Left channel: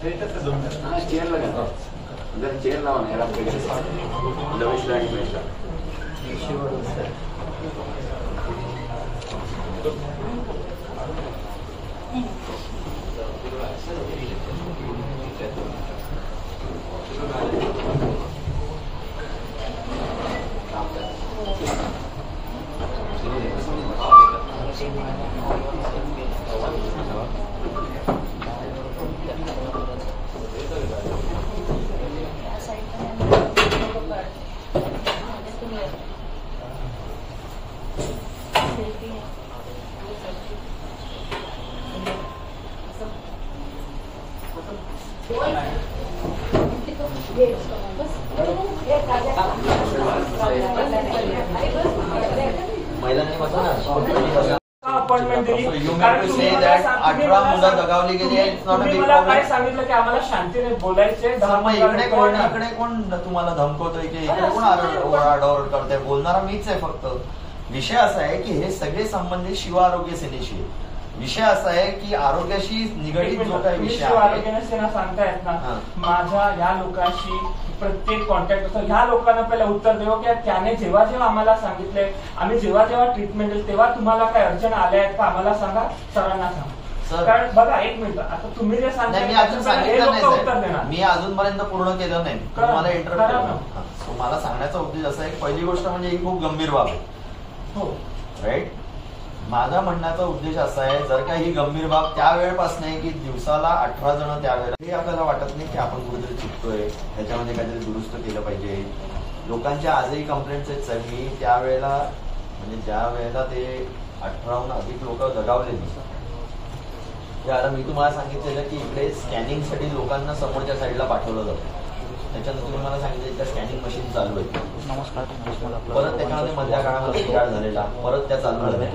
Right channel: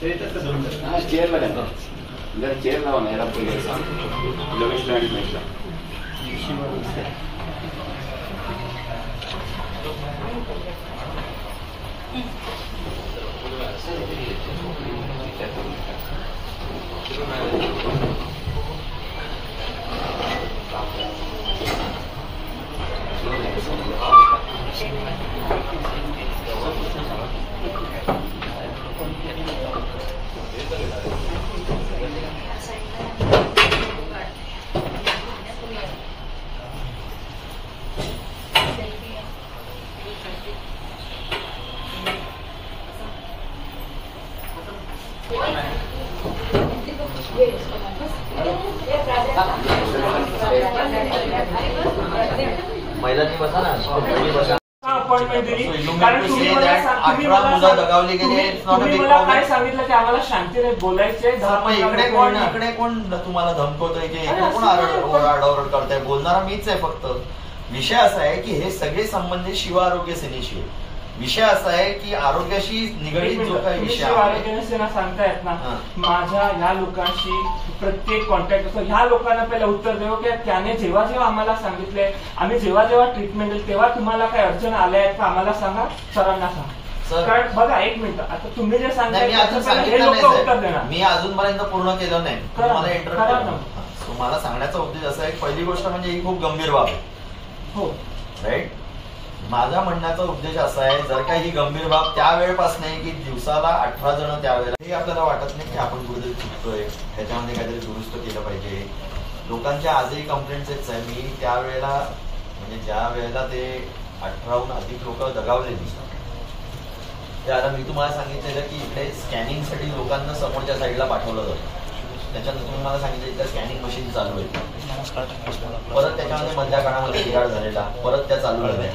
Chair लगा जरा chair लावा ना यार आपके लगेच लँड महिलांनी बसा ना अपॉइंटमेंट दिली कारण तुम्ही मला काय सांगितलं की आम्हाला शांतीने बोलायचे इकडे कोण तुम्हाला धमकवतोय की कोण आरडाओरड करताय? बोलणारा मीच आहे. फक्त विषय असा आहे की हे सगळे संबंधित शिव आरोग्य सेनेशी आहे. विषय असा आहे की आरोग्याशी निगडीत जो काही विषय आरोग्य सेना सांगतायत ना माझ्या ह्या लोकांशी प्रत्येक कॉन्टॅक्ट होतो. ह्या लोकांना पहिला उत्तर देऊ की त्याने जेव्हा जेव्हा आम्हाला सांगितले आम्ही जेव्हा जेव्हा ट्रीटमेंट देईल तेव्हा तुम्हाला काय अडचण आल्या आहेत का आम्हाला सांगा, सरांना सांगा. कारण बघा एक मिनिट आता तुम्ही जे सांगताय हे लोक उत्तर देणार. मी अजूनपर्यंत पूर्ण केलं नाही. तुम्हाला इंटरव्ह्यू मला सांगण्याचा उद्देश असा आहे. पहिली गोष्ट म्हणजे ही खूप गंभीर बाब आहे. हो राईट. माझा म्हणण्याचा उद्देश असा आहे जर का ही गंभीर बाब त्यावेळेपासून आहे की दिवसाला 18 जण त्यावेळेला हे आपल्याला वाटत नाही की आपण कुठेतरी चुकतोय, ह्याच्यामध्ये काहीतरी दुरुस्त केलं पाहिजे. लोकांच्या आजही कंप्लेंट्स आहेत. मी त्यावेळेला म्हणजे ज्या वेळेला ते 18हून अधिक लोक दगावलेली ते आता मी तुम्हाला सांगितलेलं की इकडे स्कॅनिंगसाठी लोकांना समोरच्या साईडला पाठवलं जातं. त्याच्यानंतर तुम्ही मला सांगितलं इथं स्कॅनिंग मशीन चालू आहे. परत त्याच्यामध्ये मधल्या काळामध्ये बिघाड झालेला परत त्या चालू झाल्या.